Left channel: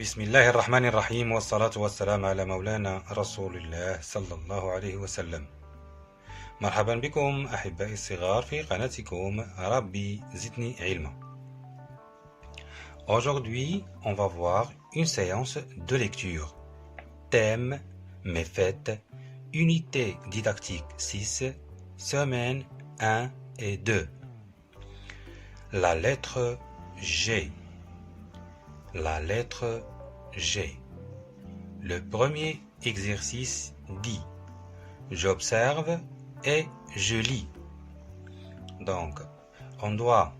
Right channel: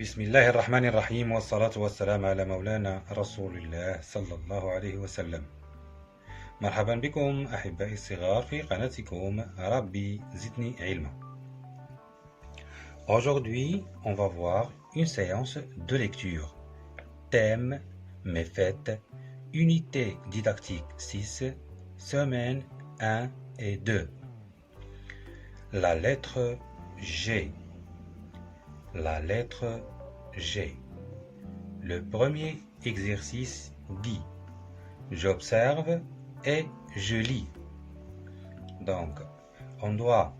بسم الله الرحمن الرحيم والصلاة والسلام على مولانا رسول الله صلى الله عليه وسلم. مرحبا بكم أحبائي الصغار في قناتكم ربي زدني علما. Aujourd'hui, on va voir une séance de lecture. Thème, méfaite, unité didactique 6, semaine 1 et 2. La lettre G. La lettre G. Le premier exercice dit « J'observe et je lis ». Donc, on doit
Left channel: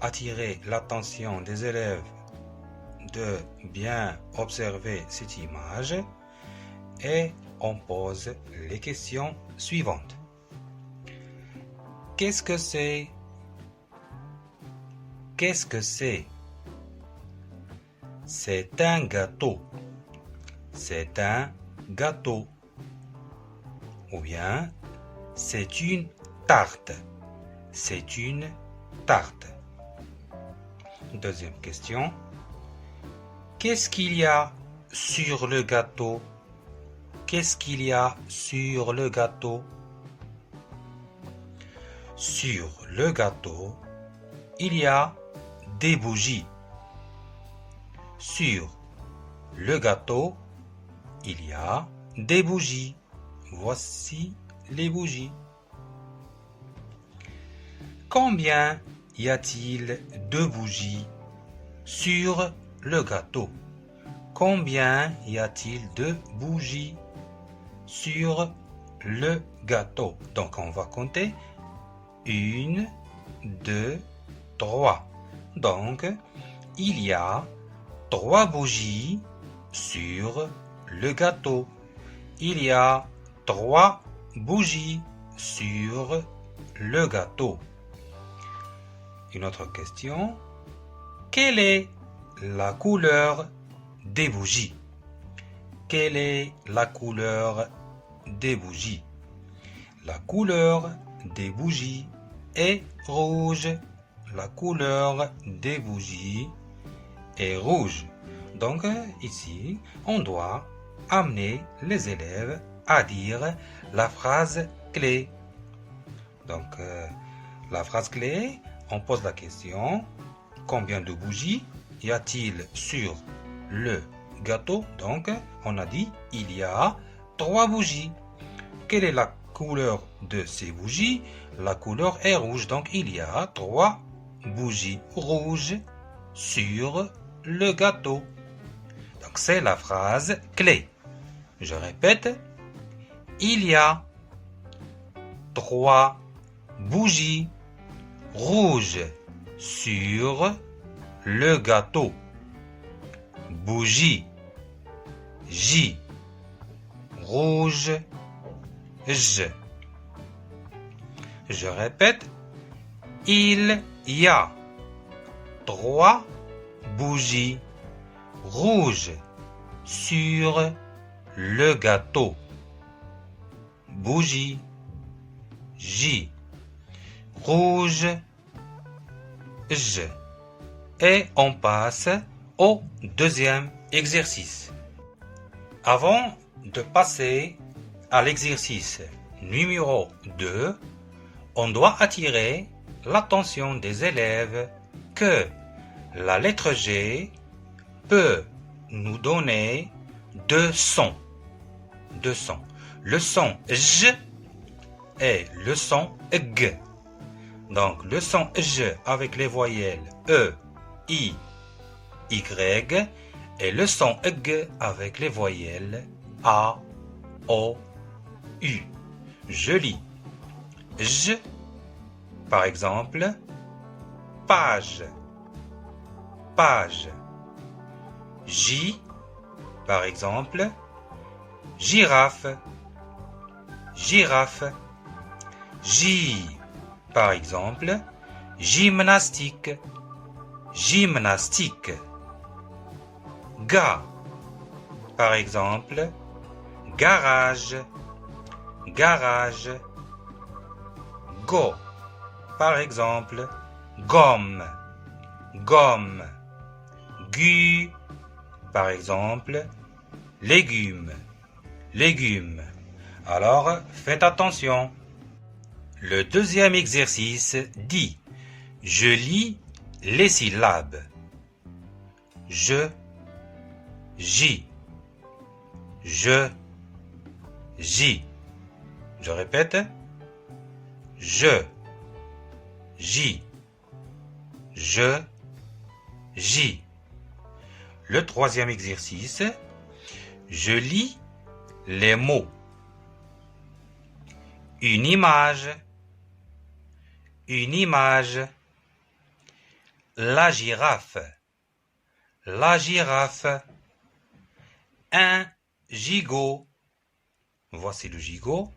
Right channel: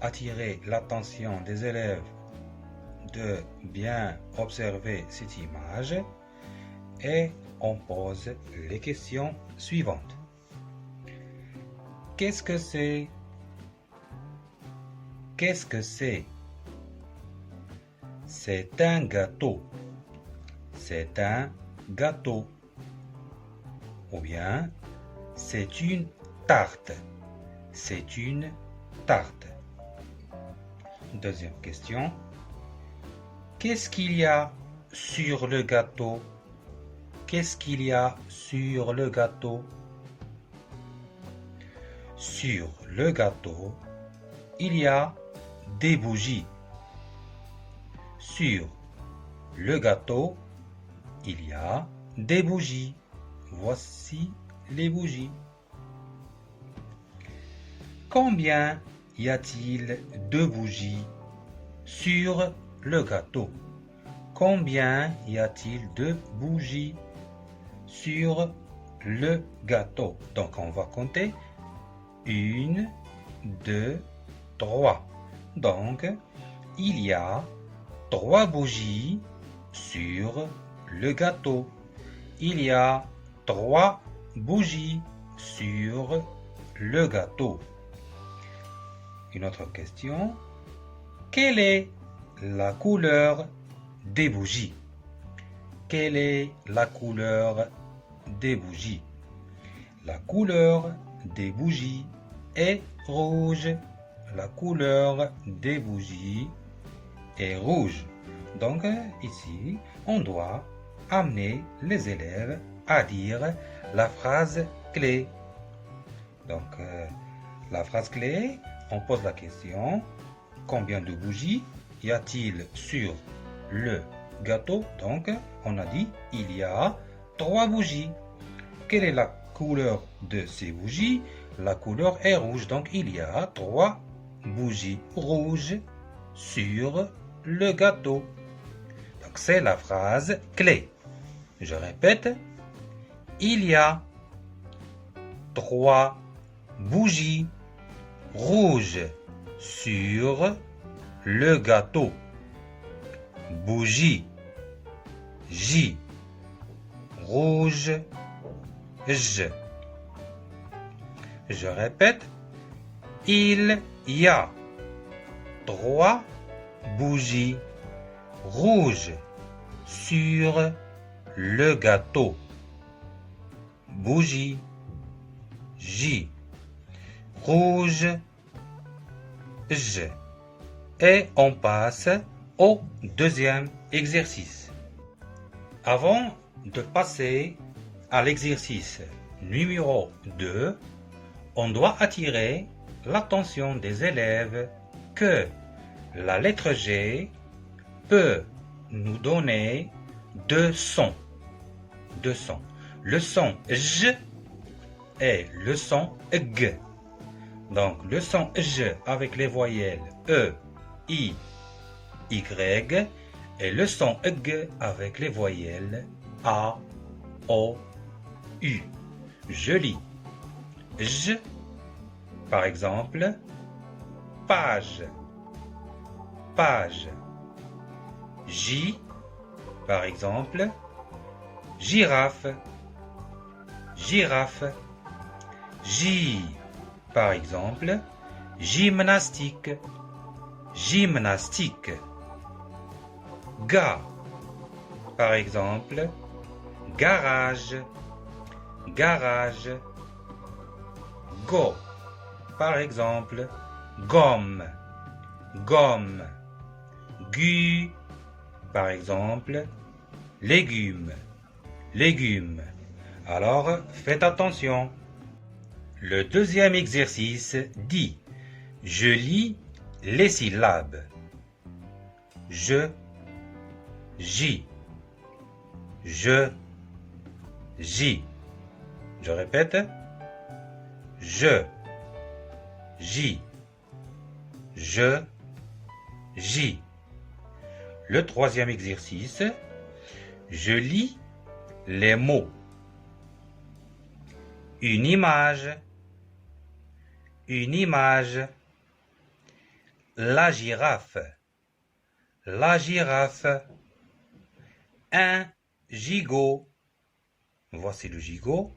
attirer l'attention des élèves de bien observer cette image et on pose les questions suivantes. Qu'est-ce que c'est? Qu'est-ce que c'est? C'est un gâteau. C'est un gâteau. Ou bien, c'est une tarte. C'est une tarte. Deuxième question. Qu'est-ce qu'il y a sur le gâteau? Qu'est-ce qu'il y a sur le gâteau? Sur le gâteau, il y a des bougies. Sur le gâteau, il y a des bougies. Voici les bougies. Combien y a-t-il de bougies sur le gâteau? Combien y a-t-il de bougies sur le gâteau? Donc on va compter. 1, 2, 3. Donc il y a 3 bougies sur le gâteau. Il y a 3 bougies sur le gâteau. Une autre question. Quelle est la couleur des bougies? Quelle est la couleur des bougies? La couleur des bougies est rouge. La couleur des bougies est rouge. Donc ici, on doit amener les élèves à dire la phrase clé. Donc la phrase clé, on pose la question, combien de bougies y a-t-il sur le gâteau? Donc on a dit, il y a 3 bougies. Quelle est la couleur de ces bougies? La couleur est rouge, donc il y a 3 bougies rouges sur le gâteau. Donc c'est la phrase clé. Je répète, il y a 3 bougies rouges sur le gâteau. Bougie, J, rouge, J. Je répète, il y a 3 bougies rouges sur le gâteau. Bougie, J, rouge, J. Et on passe au deuxième exercice. Avant de passer à l'exercice numéro 2, on doit attirer l'attention des élèves que la lettre G peut nous donner 2 sons. 2 sons. Le son J et le son G. Donc le son J avec les voyelles E, I, Y et le son G avec les voyelles A, O, U. Je lis. J, par exemple, page, page. J, par exemple, girafe, girafe. J, par exemple, gymnastique, gymnastique. Ga, par exemple, garage, garage. Go, par exemple, gomme, gomme. Gu, Par exemple, légumes, légumes. Alors, faites attention. Le deuxième exercice dit « Je lis les syllabes. Je, j'y, je, j'y. » Je répète. Je, j'y, je, j'y. Le troisième exercice, je lis les mots. Une image, une image. La girafe, la girafe. Un gigot. Voici le gigot.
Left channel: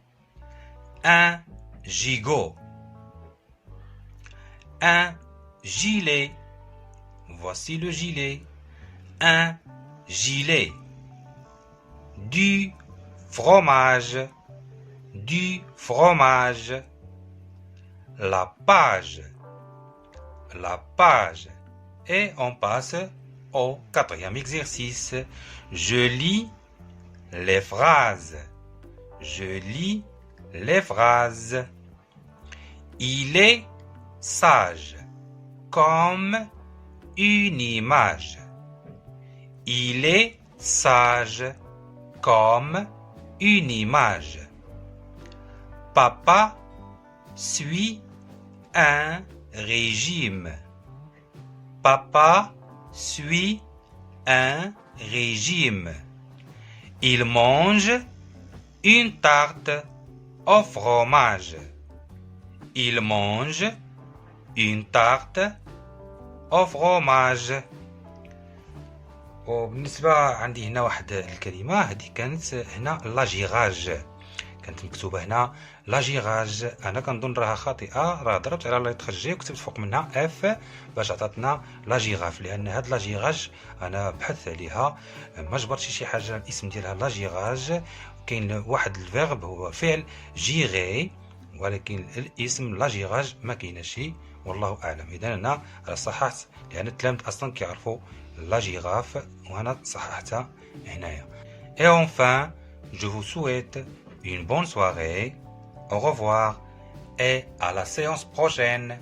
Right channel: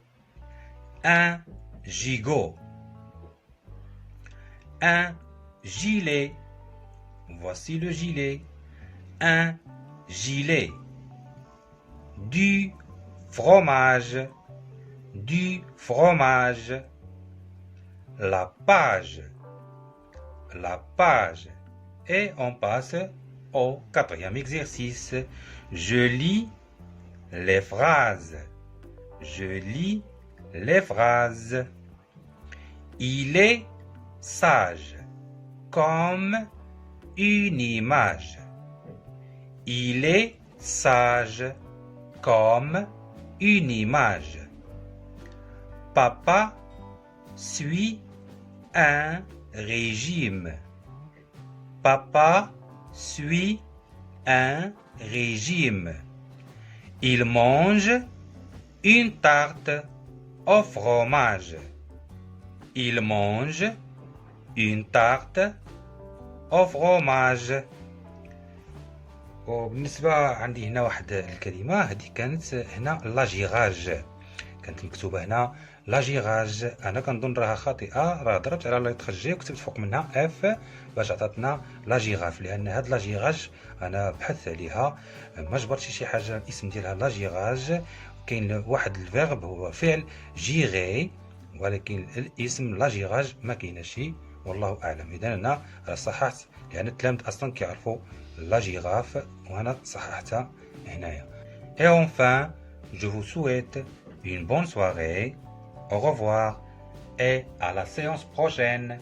Un gigot. Un gilet. Voici le gilet. Un gilet. Du fromage. Du fromage. La page. La page. Et on passe au quatrième exercice. Je lis les phrases. Je lis les phrases. Il est sage comme une image. Il est sage comme une image. Papa suit un régime. Papa suit un régime. Il mange une tarte au fromage. Il mange une tarte au fromage. وبالنسبة عندي هنا واحد الكلمة هذه كانت هنا لاجيراج، كانت مكتوبة هنا لاجيراج. أنا كنظن راها خاطئة، راه ضربت على لتر جي وكتبت فوق منها اف باش عطاتنا لاجيراف، لأن هاد لاجيراج أنا بحثت عليها ما جبرتش شي حاجة الاسم ديالها لاجيراج. كاين واحد الفيرب هو فعل جيغي، ولكن الاسم لاجيراج ما كايناش، والله أعلم. إذا أنا راه صححت لأن التلاميذ أصلا كيعرفوا la girafe وأنا صححتها هنايا. Et enfin, je vous souhaite une bonne soirée. Au revoir et à la séance prochaine.